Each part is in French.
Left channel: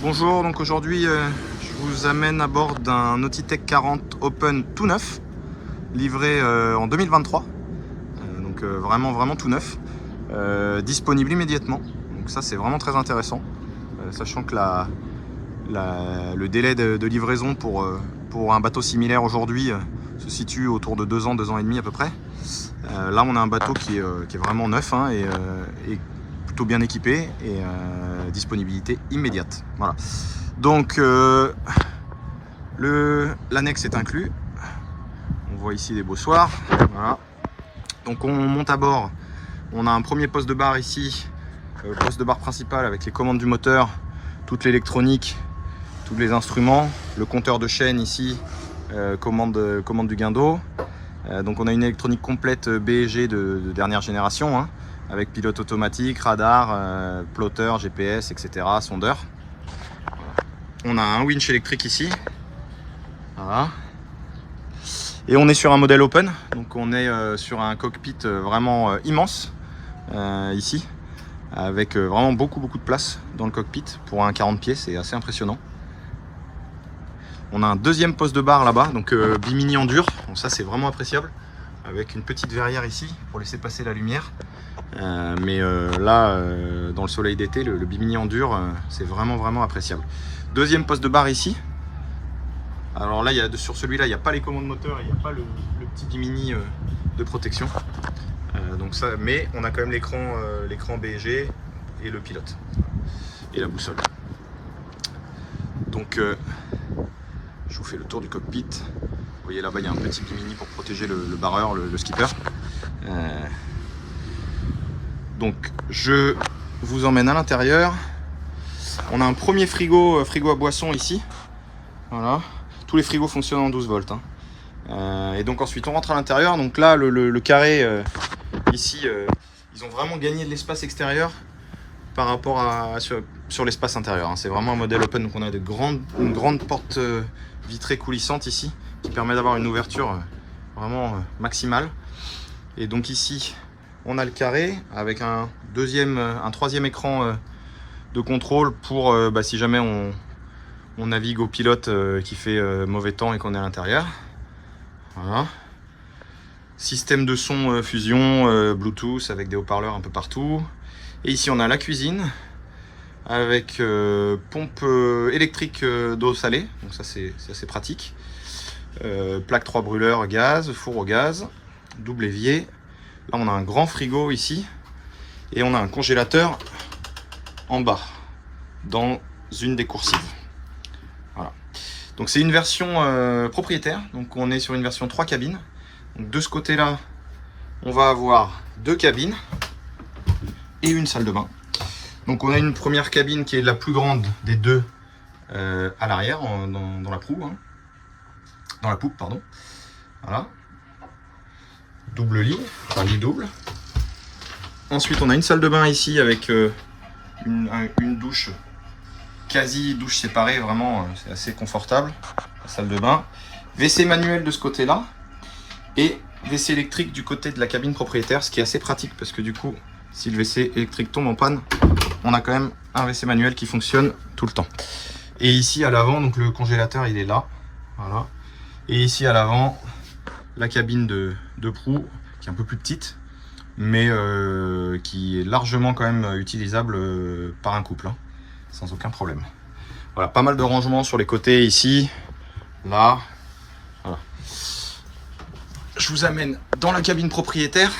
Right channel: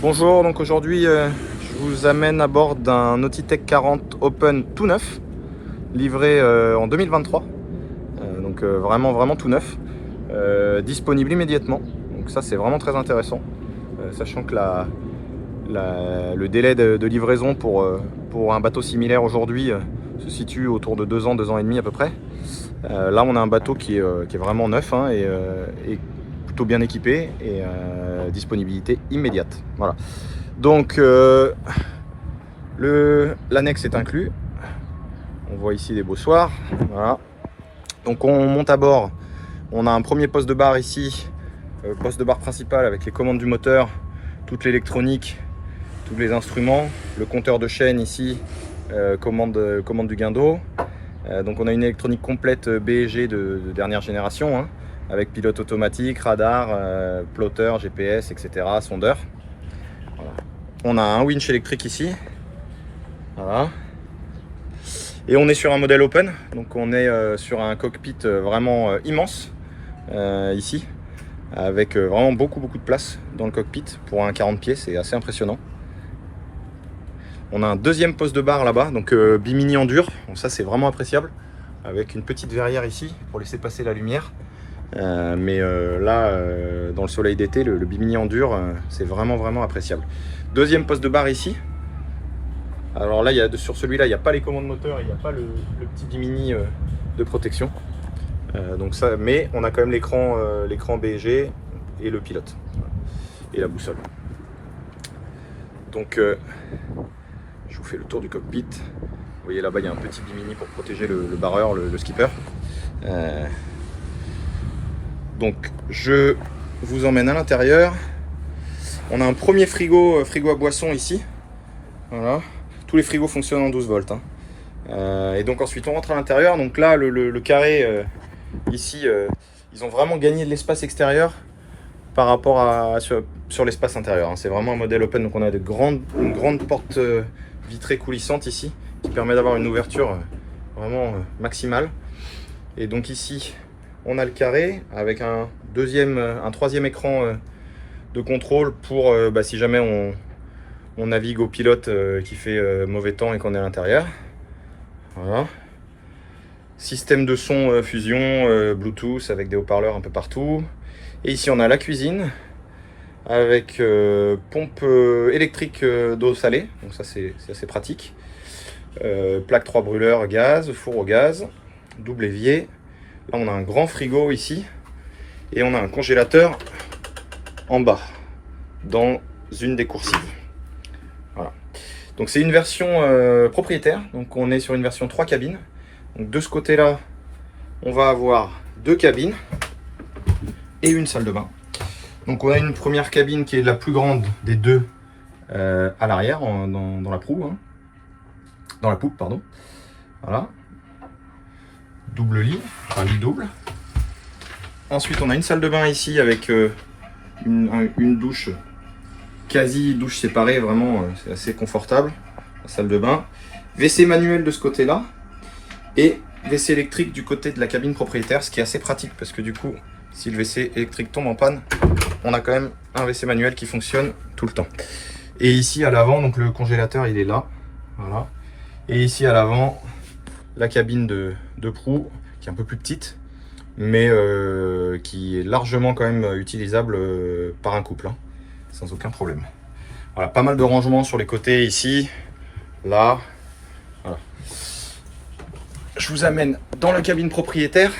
Bonjour, donc aujourd'hui je vous amène à bord d'un Nautitech 40 Open tout neuf, livré en 2023, donc vraiment tout neuf, disponible immédiatement, donc ça c'est vraiment très intéressant, sachant que le délai de livraison pour un bateau similaire aujourd'hui se situe autour de 2 ans et demi à peu près. Là on a un bateau qui est vraiment neuf hein, et plutôt bien équipé et disponibilité immédiate. Voilà. Donc l'annexe est inclus. On voit ici des beaux soirs. Voilà. Donc on monte à bord. On a un premier poste de bar ici, poste de bar principal avec les commandes du moteur, toute l'électronique, tous les instruments, le compteur de chaîne ici, commande du guindeau. Donc on a une électronique complète BG de dernière génération, hein, avec pilote automatique, radar, plotter, GPS, etc., sondeur. Voilà. On a un winch électrique ici. Voilà. Et on est sur un modèle open, donc on est sur un cockpit vraiment immense ici, avec vraiment beaucoup de place dans le cockpit. Pour un 40 pieds, c'est assez impressionnant. On a un deuxième poste de bar là-bas, donc bimini en dur, donc ça c'est vraiment appréciable, avec une petite verrière ici pour laisser passer la lumière. Là, dans le soleil d'été, le bimini en dur, c'est vraiment appréciable. Deuxième poste de bar ici. Alors là, sur celui-là, il n'y a pas les commandes moteur, il n'y a pas le petit bimini de protection. Mais on a quand même l'écran BG et le pilote et la boussole. Donc je vous fais le tour du cockpit. Vous voyez là-bas, il y a un petit bimini pour protéger le barreur, le skipper. Donc je vous emmène à l'intérieur. On a un premier frigo à boisson ici. Voilà. Tous les frigos fonctionnent en 12 volts. Hein. Et donc ensuite on rentre à l'intérieur. Donc là le carré ici, ils ont vraiment gagné de l'espace extérieur par rapport sur l'espace intérieur. Hein. C'est vraiment un modèle open. Donc on a une grande porte vitrée coulissante ici qui permet d'avoir une ouverture vraiment maximale. Et donc ici on a le carré avec un troisième écran de contrôle pour si jamais on navigue au pilote qui fait mauvais temps et qu'on est à l'intérieur. Voilà. Système de son fusion Bluetooth avec des haut-parleurs un peu partout. Et ici on a la cuisine avec pompe électrique d'eau salée, donc ça c'est assez pratique. Plaque 3 brûleurs gaz, four au gaz, double évier. Là on a un grand frigo ici et on a un congélateur en bas dans une des coursives. Voilà. Donc c'est une version propriétaire, donc on est sur une version 3 cabines. Donc de ce côté là on va avoir 2 cabines et une salle de bain. Donc on a une première cabine qui est la plus grande des deux à l'arrière dans la proue, hein. Dans la poupe pardon. Voilà. Double lit, un lit double. Ensuite on a une salle de bain ici avec une douche, quasi douche séparée, vraiment c'est assez confortable. La salle de bain, WC manuel de ce côté là et WC électrique du côté de la cabine propriétaire, ce qui est assez pratique parce que du coup si le WC électrique tombe en panne, on a quand même un WC manuel qui fonctionne tout le temps. Et ici à l'avant, donc le congélateur il est là, voilà. Et ici à l'avant, la cabine de proue qui est un peu plus petite, mais qui est largement quand même utilisable par un couple, hein, sans aucun problème. Voilà, pas mal de rangements sur les côtés ici, là. Voilà. Je vous amène dans la cabine propriétaire.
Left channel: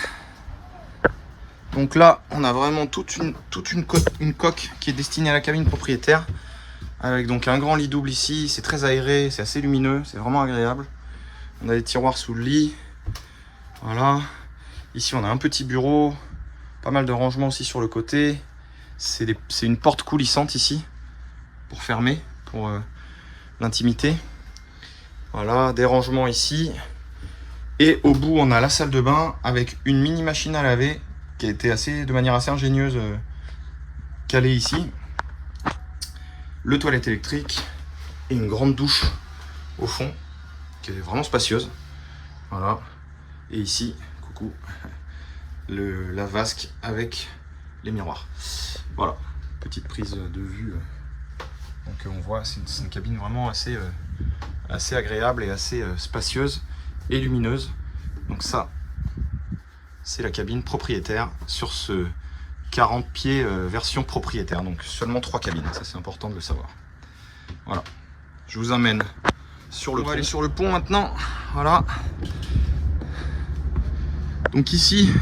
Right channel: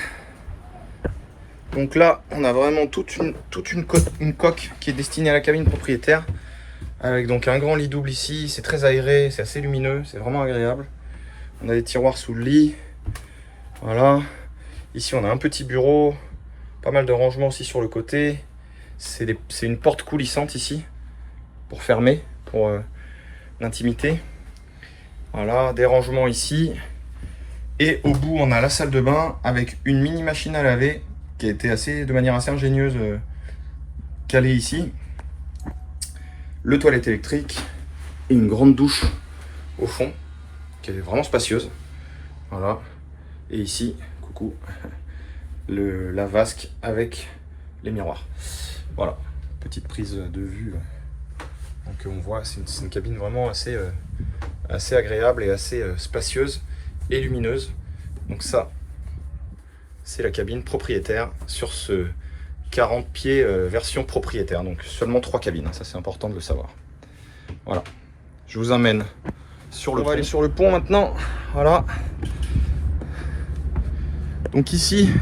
Donc là, on a vraiment toute une coque qui est destinée à la cabine propriétaire, avec donc un grand lit double ici. C'est très aéré, c'est assez lumineux, c'est vraiment agréable. On a des tiroirs sous le lit. Voilà. Ici, on a un petit bureau, pas mal de rangements aussi sur le côté. C'est une porte coulissante ici pour fermer, pour l'intimité. Voilà, des rangements ici. Et au bout, on a la salle de bain avec une mini machine à laver qui a été de manière assez ingénieuse calée ici. Le toilette électrique et une grande douche au fond qui est vraiment spacieuse. Voilà. Et ici, coucou, la vasque avec les miroirs. Voilà, petite prise de vue Donc on voit, c'est une cabine vraiment assez agréable et assez spacieuse et lumineuse. Donc ça, c'est la cabine propriétaire sur ce 40 pieds version propriétaire. Donc seulement 3 cabines, ça c'est important de le savoir. Voilà, je vous emmène sur le pont. On va aller sur le pont maintenant. Voilà. Donc ici,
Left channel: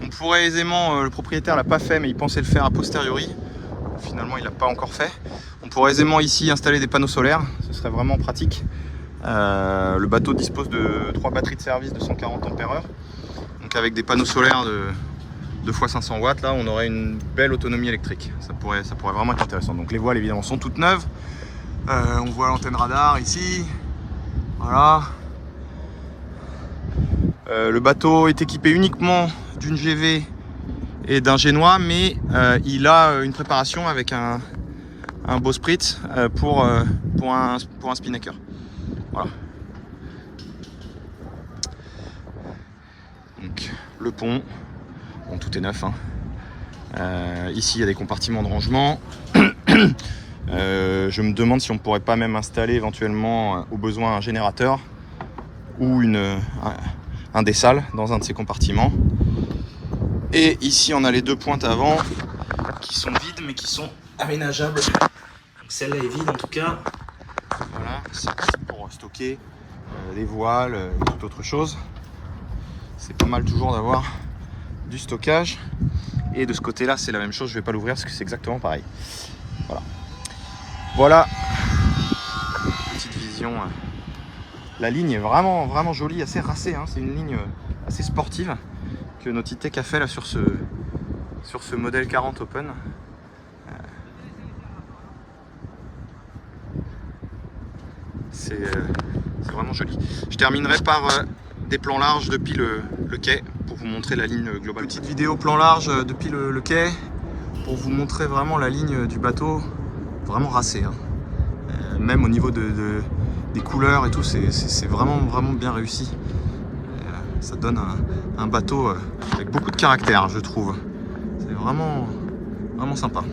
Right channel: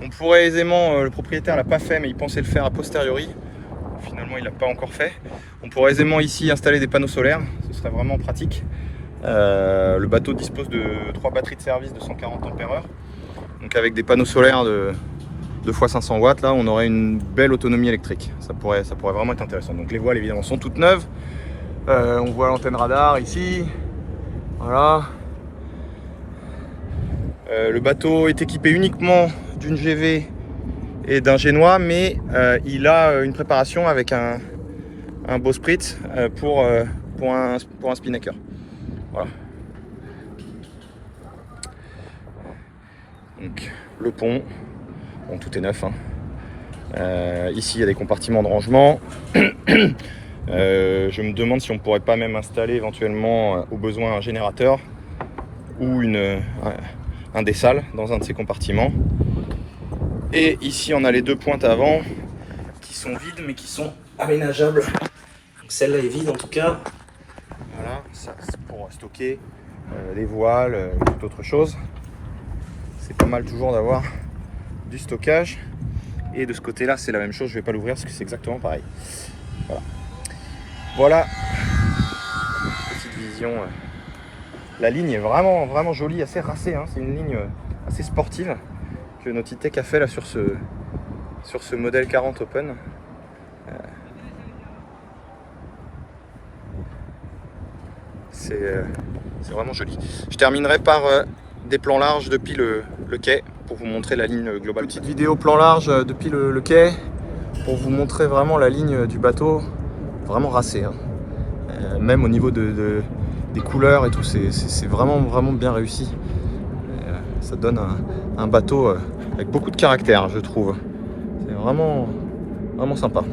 on pourrait aisément, le propriétaire l'a pas fait, mais il pensait le faire a posteriori. Finalement, il l'a pas encore fait. On pourrait aisément ici installer des panneaux solaires, ce serait vraiment pratique. Le bateau dispose de 3 batteries de service de 140 Ah. Donc avec des panneaux solaires de 2 x 500 watts, là, on aurait une belle autonomie électrique. Ça pourrait vraiment être intéressant. Donc les voiles évidemment sont toutes neuves. On voit l'antenne radar ici. Voilà. Le bateau est équipé uniquement d'une GV et d'un génois, mais il a une préparation avec un bowsprit pour un spinnaker. Voilà. Donc le pont, bon, tout est neuf, hein. Ici il y a des compartiments de rangement. Je me demande si on pourrait pas même installer éventuellement au besoin un générateur ou un dessal dans un de ces compartiments. Et ici on a les 2 pointes avant qui sont vides mais qui sont aménageables. Donc celle-là est vide en tout cas. Voilà, c'est pour stocker les voiles et toute autre chose. C'est pas mal toujours d'avoir du stockage. Et de ce côté-là, c'est la même chose. Je vais pas l'ouvrir parce que c'est exactement pareil. Voilà. Voilà. Petite vision. La ligne est vraiment jolie, assez racée, hein. C'est une ligne assez sportive que Nautitech a fait là sur ce modèle 40 Open. C'est vraiment joli. Je terminerai par des plans larges depuis le quai pour vous montrer la ligne globale. Petite vidéo plan large depuis le quai pour vous montrer vraiment la ligne du bateau, vraiment racée, hein. Même au niveau des couleurs et tout, c'est vraiment bien réussi. Ça donne un bateau avec beaucoup de caractère, je trouve. C'est vraiment sympa.